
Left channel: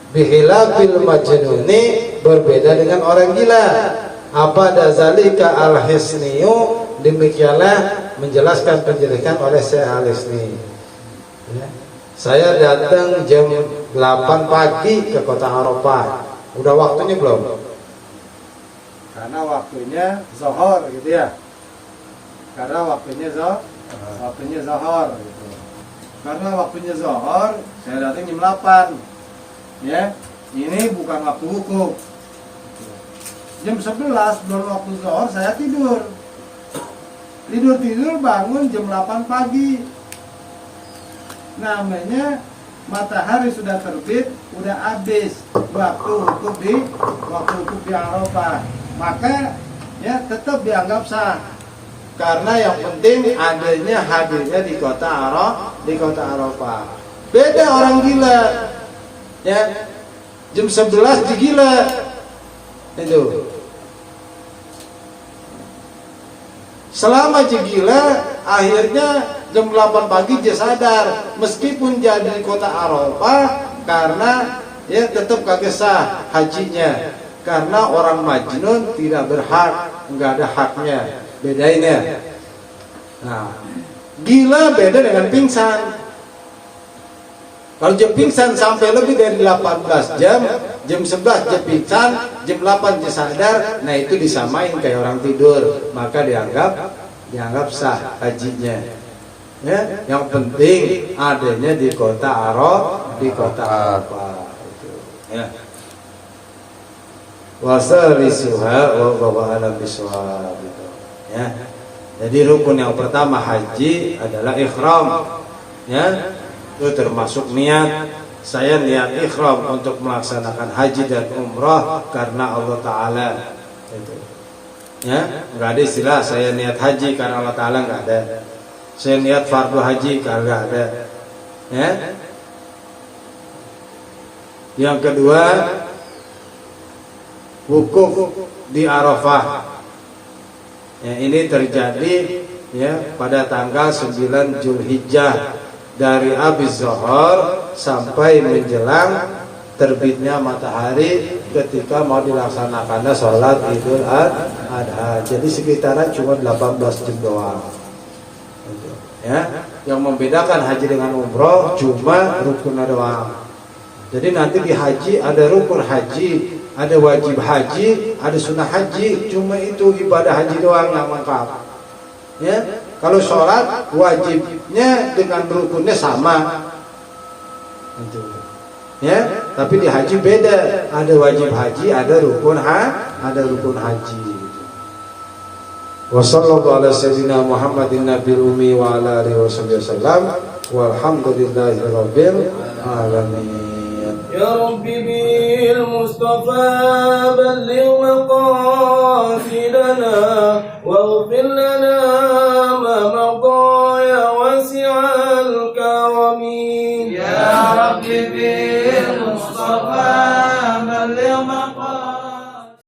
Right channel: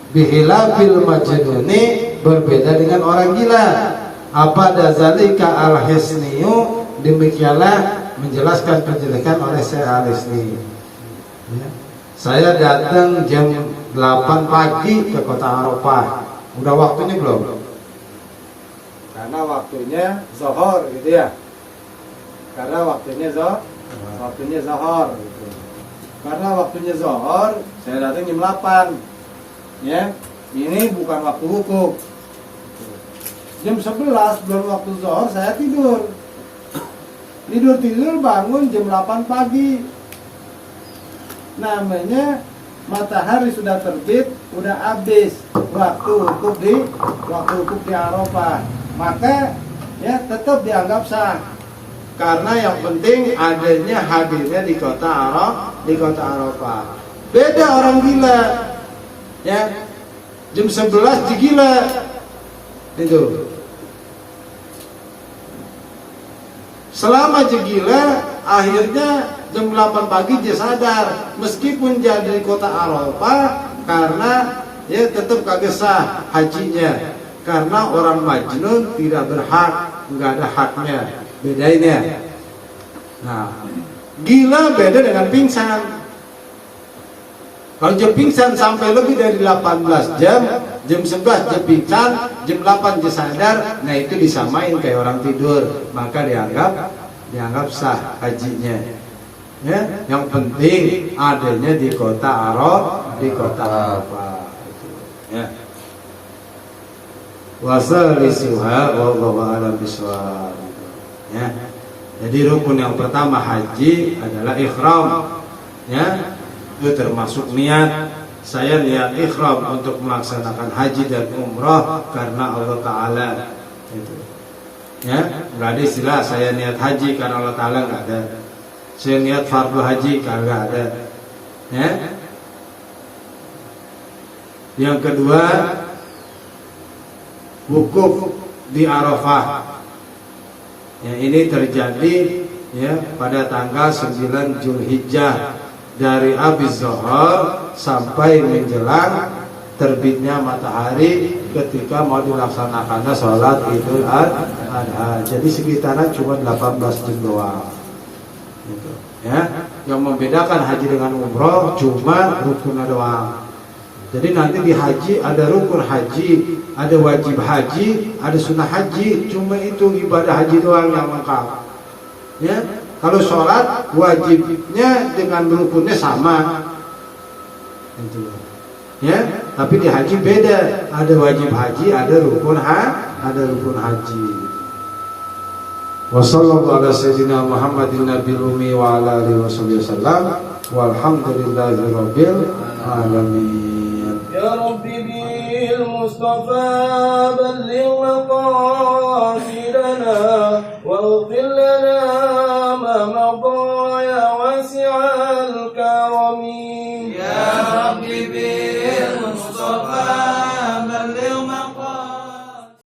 bihilafil majnuni, berbeda dengan orang gila. Apa dazalika al-hisniyu, demikianlah menjelaskan penjelasan oleh Syekh Al-Hisni. Saya datang jam 8 pagi ke kota Arafah. Udah waktunya belum? Karena waktunya zuhur gitu ya. karena waktunya zuhur gitu. Karena waktunya zuhur saya datang jam 8 ya, ini bukan waktu wukuf. Jam 11 belum waktu zuhur saya tidur bangun jam 8 pagi, namanya matahari sudah terbit, udah habis waktu wukuf di Arafah, maka ya tetap dianggap sah. Karena yang penting adanya hadirnya di kota Arafah. Beda orang gila, ya jam 11 digila itu. Selama gila, akhirnya jam 8 pagi dia sadar, meskipun jadi di kota Arafah, karena ya tetap kagak sah hajinya, karena orang majnun tidak berhak, nggak ada haknya. Bedain ya. Nah, gila beda dengan pingsan. Kalau jam pingsan sampai lebih dari 18 jam, jam 11 jam pingsan, jam 8 dia sadar, nah itu disamain kayak orang tidur, maka dianggap sah hajinya. Ya, yang penting adanya di kota Arafah. Ya. Wasalisuha wallahu a'lam bishawab. Ya. Jadi rukun yang pertama haji adalah ikhram. Ya. Itu termasuk niat. Saya niat ikhram untuk melaksanakan haji dan umrah karena Allah Ta'ala. Itu. Ya, enggak ada istilah saya niat haji karena Allah Ta'ala, enggak ada. Saya niat fardu haji kagak ada. Ya. Yang kedua, wukuf di Arafah. Ya, ini terjadi ya pada tanggal 9 Zulhijjah dari habis zuhur sampai menjelang terbitnya matahari ketika mau dilaksanakannya sholat Idul Adha. Jadi sekitaran cuma 18 jam doang. Ya, yang membedakan haji dengan umroh cuma rukunnya doang. Jadi nanti di haji ada rukun haji, ada wajib haji, ada sunnah haji. Cuma itu ibadah haji doang yang lengkap. Ya, kalau sholat wajibnya dengan rukunnya sama. Itu. Ya, tapi di haji beda. Ada wajib haji, ada rukun haji. Wassallallahu ala sayyidina Muhammadin nabiyil ummi wa ala alihi wasallam. Walhamdulillahirabbil alamin. يا رب بالمصطفى بلغ مقاصدنا واغفر لنا ما مضى يا واسع الكرم يا رب بالمصطفى بلغ مقاصدنا